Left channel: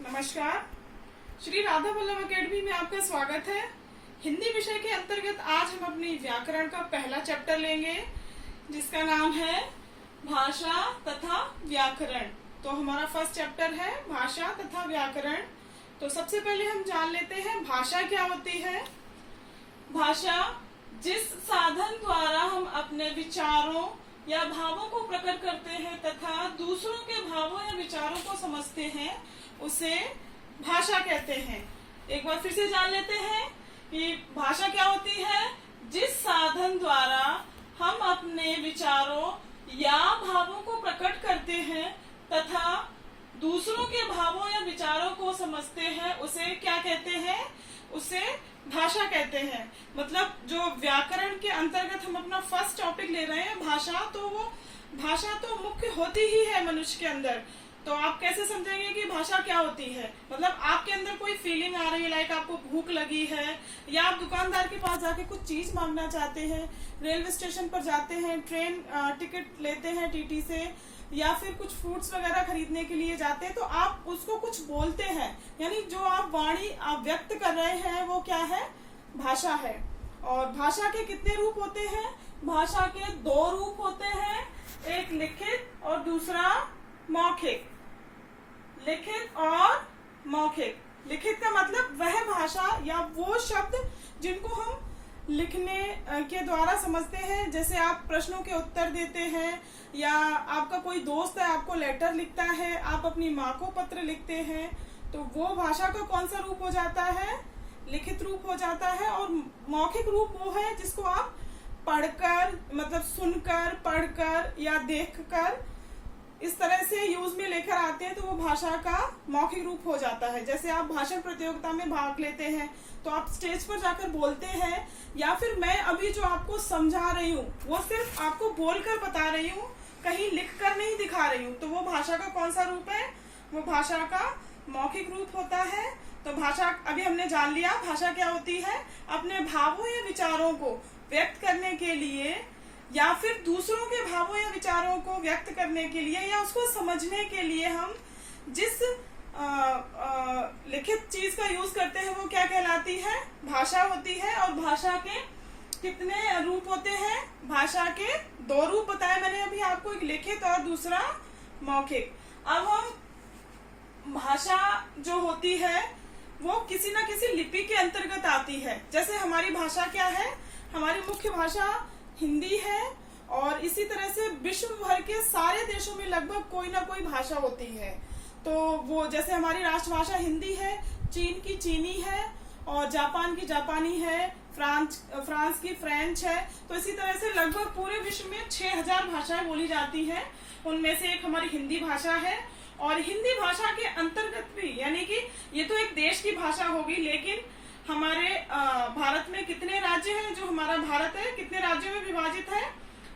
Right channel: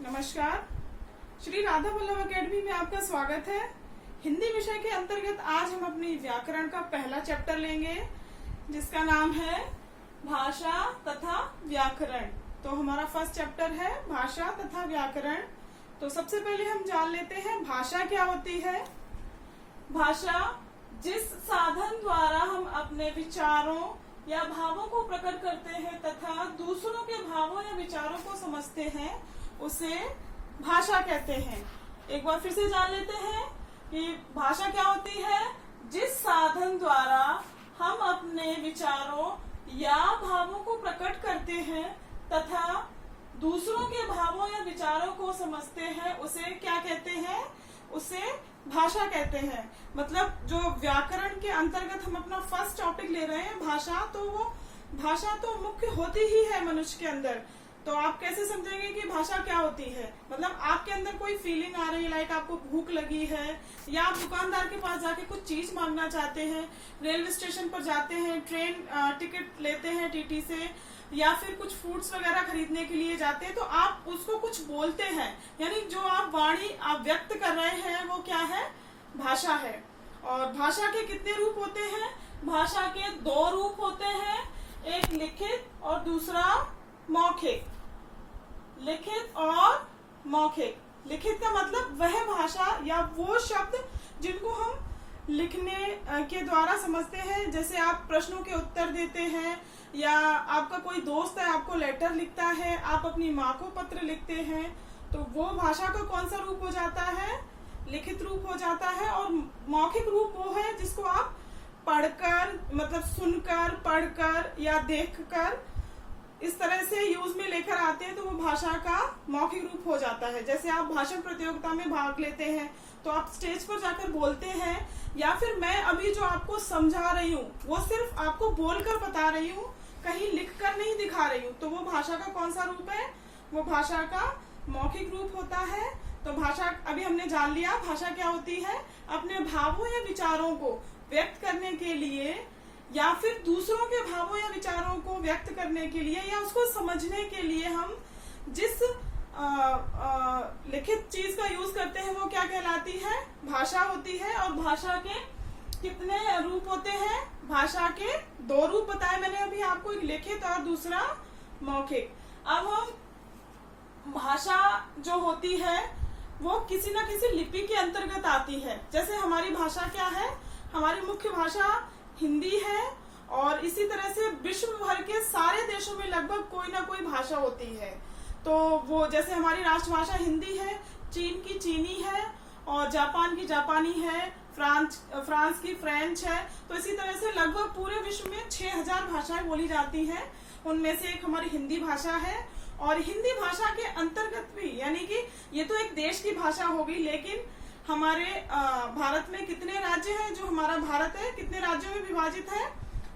नमस्कार। श्री राधा वल्लभ अकेडमी में आपका स्वागत है। हिंदी विषय के अंतर्गत आज हम अपनी व्याकरण का पहला चैप्टर लेंगे जिसका नाम है भाषा तथा व्याकरण। तो हमारा फर्स्ट चैप्टर है भाषा तथा व्याकरण। तो सबसे पहले हम जान लेते हैं भाषा क्या होती है। भाषा जिस साधन द्वारा हम अपने विचारों या भावों को प्रकट करते हैं तथा दूसरों के भावों या विचारों को समझते हैं उसे भाषा कहते हैं। एक बार फिर से जान लेते हैं कि भाषा क्या होती है। जिस साधन द्वारा हम अपने विचारों या भावों को प्रकट करते हैं तथा दूसरों के भावों या विचारों को समझते हैं उसे क्या कहते हैं, उसे भाषा कहते हैं। मतलब जो व्याकरण के अंतर्गत हम अपना फर्स्ट टॉपिक ले रहे हैं भाषा, तो वो भाषा तो मुख्य होती ही है मनुष्य के अंदर। तो आप कैसे समझेंगे कि भाषा क्या होती है। मतलब आपके अंदर कोई फीलिंग आ रही है, लाइक आपको भूख लगी है या आप दुकानदार के पास जाके कुछ चीज मांगना चाहते हैं, रेलवे स्टेशन पर जाते हैं, ट्रेन टिकट लेते हैं टीटी से, या फिर कुछ फ्रूट्स वगैरह खरीदने के लिए जाते हैं, तो आप उसको कुछ बोलते हैं, यानी जो आप वाणी आप व्यक्त कर रहे हैं वो क्या है, भाषा है। और भाषा के कितने रूप होते हैं। भाषा के दो रूप होते हैं, एक लिखित और दूसरा मौखिक। लिखित और मौखिक। लिखित का मतलब वह भाषा या वो शब्द जिनको हम लिखने के द्वारा समझते हैं। जैसे आप प्रश्नों के उत्तर देते हैं, या आपका कोई दोस्त है आपको लेटर लिखता है, आप अपनी माँ को पत्र लिखते हैं, तो वो भाषा का कौन सा रूप हो जाता है, लिखित रूप हो जाता है। और मौखिक रूप वो है जिसको आप पढ़कर, मतलब सुनकर, पढ़कर या देखकर इस तरह से यूज में लेकर आते हैं, तो वो भाषा का मौखिक रूप हो जाता है। जैसे आप भाषण प्रतियोगिता में भाग लेते हैं तो आप स्टेज पर जाकर बोलते हैं, या फिर मैं अभी जो आपको समझा रही हूँ वो सिर्फ आपको बोलकर बता रही हूँ, कहीं लिख कर नहीं दिखा रही हूँ, तो वो भाषा का कौन सा रूप है, वो भाषा का मौखिक रूप होता है। तो भाषा अभी हमने जान लिया भाषा क्या होती है। अपने भावों या विचारों को व्यक्त करने के लिए, या फिर दूसरों के भावों या विचारों को व्यक्त करने के लिए, या उसको समझने के लिए हम जिस लिखित चीज का यूज करते हैं वो क्या कहलाती है, भाषा होती है। और भाषा के कितने रूप होते हैं। भाषा के दो रूप बताए मैंने अभी आपको, एक लिखित और दूसरा मौखिक। अब हम भाषा जो होती है वो किसी न किसी लिपि के अंतर्गत आती है। जैसे हमारी भाषा क्या है, हमारी मुख्य भाषा हिंदी है, और इसी तरह से विश्व भर के सारे देशों में लगभग कोई ना कोई भाषा होती है। तो वो जैसे हमारी राष्ट्रभाषा हिंदी है, चीन की चीनी है, और जापान की जापानी है, फ्रांस की फ्रेंच है। तो इसी तरह से लगभग पूरे विश्व में 6000 भाषाएं बोली जाती हैं। उनमें से एक हमारी हिंदी भाषा है। और हिंदी भाषा के अंतर्गत भी, यानी कि ये तो एक देश की भाषा होगी, लेकिन हमारे भारत में कितने राज्य हैं, जो हमारा भारत है कितने राज्यों में विभाजित है,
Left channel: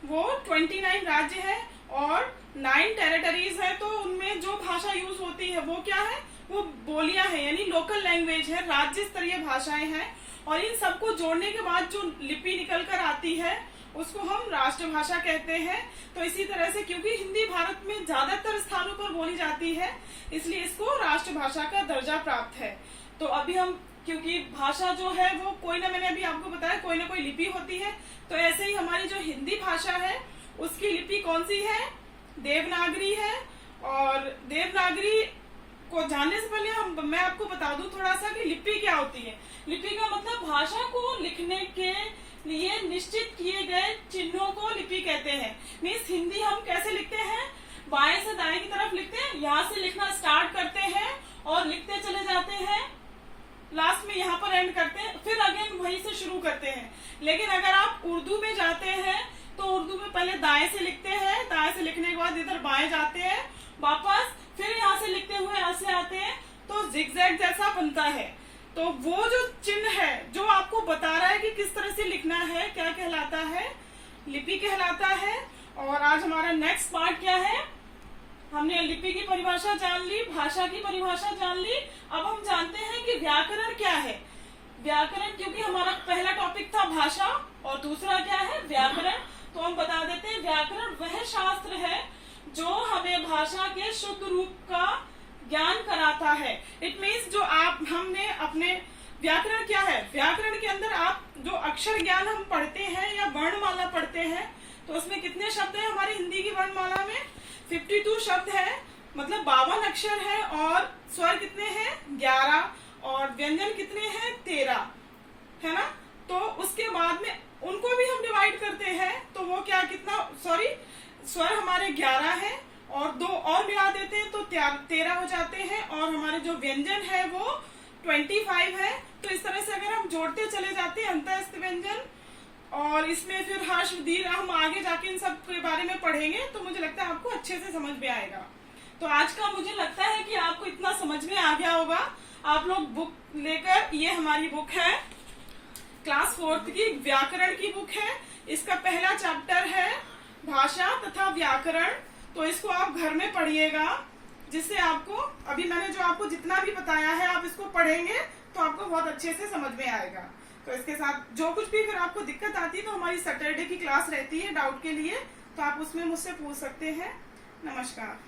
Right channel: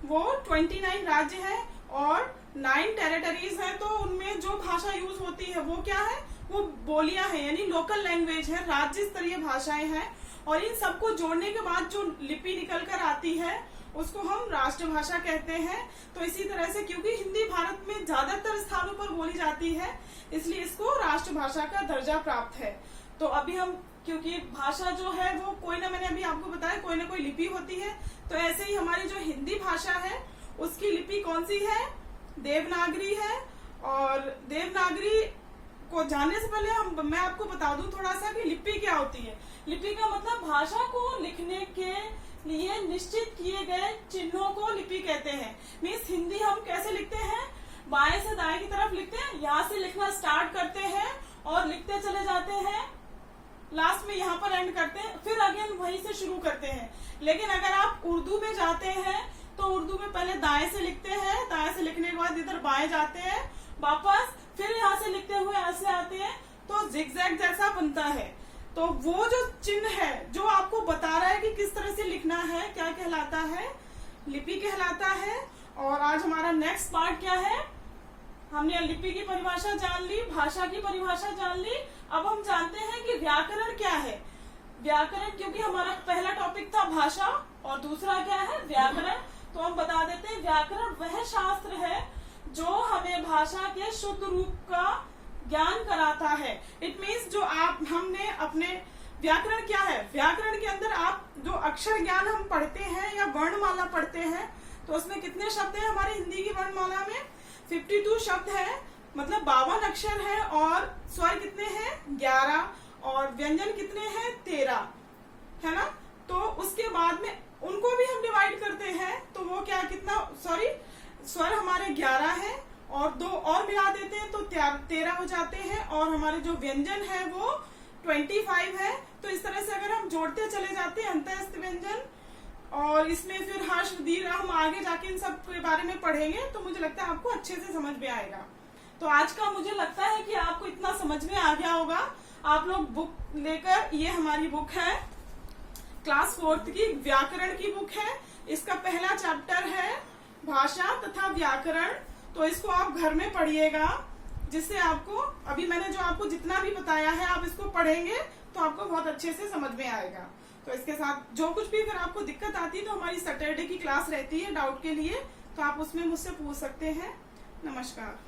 वो 29 राज्य है और 9 टेरिटरीज है। तो उनमें जो भाषा यूज होती है वो क्या है, वो बोलियां हैं, यानी लोकल लैंग्वेज है, राज्य स्तरीय भाषाएं हैं। और इन सबको जोड़ने के बाद जो लिपि निकल कर आती है उसको हम राष्ट्रभाषा कहते हैं। तो इसी तरह से क्योंकि हिंदी भारत में ज्यादातर स्थानों पर बोली जाती है, इसलिए इसको राष्ट्रभाषा का दर्जा प्राप्त है। तो अभी हम, क्योंकि भाषा जो है वो कोई ना, मैंने अभी आपको बताया कोई ना कोई लिपि होती है, तो ऐसे ही हमारी जो हिंदी भाषा है उसकी लिपि कौन सी है, देवनागरी है। और देवनागरी को जानने से पहले मैं आपको बता दूं थोड़ा सा कि लिपि क्या होती है। लिपि का मतलब भाषा को लिखने के लिए निश्चित किए गए चिन्हों को लिपि कहते हैं। मीन्स हिंदी हम कैसे लिखते हैं, बाएं से दाएं की तरफ लिखते हैं, यहाँ से लिखना स्टार्ट करते हैं और लिखते चले जाते हैं, लास्ट में यहाँ पर एंड करते हैं, फिर अगेन वहीं से शुरू करते हैं। लेकिन अगर आप उर्दू में जाते हैं तो उर्दू में पहले दाएं से लिखते हैं, दाएं से लिखने के बाद इधर बाएं जाते हैं, वापस फिर यहाँ से लिखते हुए ऐसे आते हैं, तो जिगजैग जैसा बनता है। तो वो जो चिन्ह है जो आपको बता रहा है कि किस तरह से लिखना है, क्या कहलाता है, लिपि कहलाता है। और आज हमारा नेक्स्ट पार्ट क्या है, हमने लिपि की परिभाषा जान ली, भाषा की परिभाषा जान ली। अब हम जानते हैं कि व्याकरण क्या है। व्याकरण, क्योंकि हमारा पहला टॉपिक था भाषा और दूसरा क्या है, व्याकरण, तो हम बता देते हैं व्याकरण वह शास्त्र है जो हमें भाषा के शुद्ध रूप का ज्ञान कराता है। इट मीन्स जो हमने अपने व्याकरण क्या है, व्याकरण के अंदर आप जो अक्षर ज्ञान हम पढ़ते हैं या वर्णमाला पढ़ते हैं, तो उसमें कितने शब्द हैं हमारी हिंदी की वर्णमाला में? 52 शब्द है, मतलब 52 अक्षर है, और स्वर कितने हैं? 11, और व्यंजन कितने हैं? 13, है ना। तो उसके बाद में उनको भी हम डिवाइड करते हैं, तो वो क्या, कितना, सॉरी, स्वर हमारे 11 हैं और 2 और मिला देते हैं तो 13 हो जाते हैं, और हमारे जो व्यंजन है वो 25 है। तो इस तरह से अगर हम जोड़ते चले जाते हैं अंतःस्थ व्यंजन, और इसमें फिर हर्ष दीर्घ, हम आगे जाके इन सब के बारे में पढ़ेंगे, तो मुझे लगता है आपको अच्छे से समझ में आएगा। तो आज का मुझे लगता है कि आपको इतना समझ में आ गया होगा। आप लोग बुक लेकर, ये हमारी बुक है क्लास 4th की व्याकरण की बुक है। इसका पहला चैप्टर है भाषा तथा व्याकरण। तो इसको आप घर में पढ़िएगा, जिससे आपको, अभी मैंने जो आपको जितना भी बताया है, आप इसको पढ़ेंगे तो आपको बहुत अच्छे से समझ में आएगा। तो इसके साथ जो कुछ भी फिर आपको दिक्कत आती है, तो हमारी सैटरडे की क्लास रहती है डाउट के लिए, तो आप उसमें मुझसे पूछ सकते हैं। नमस्कार।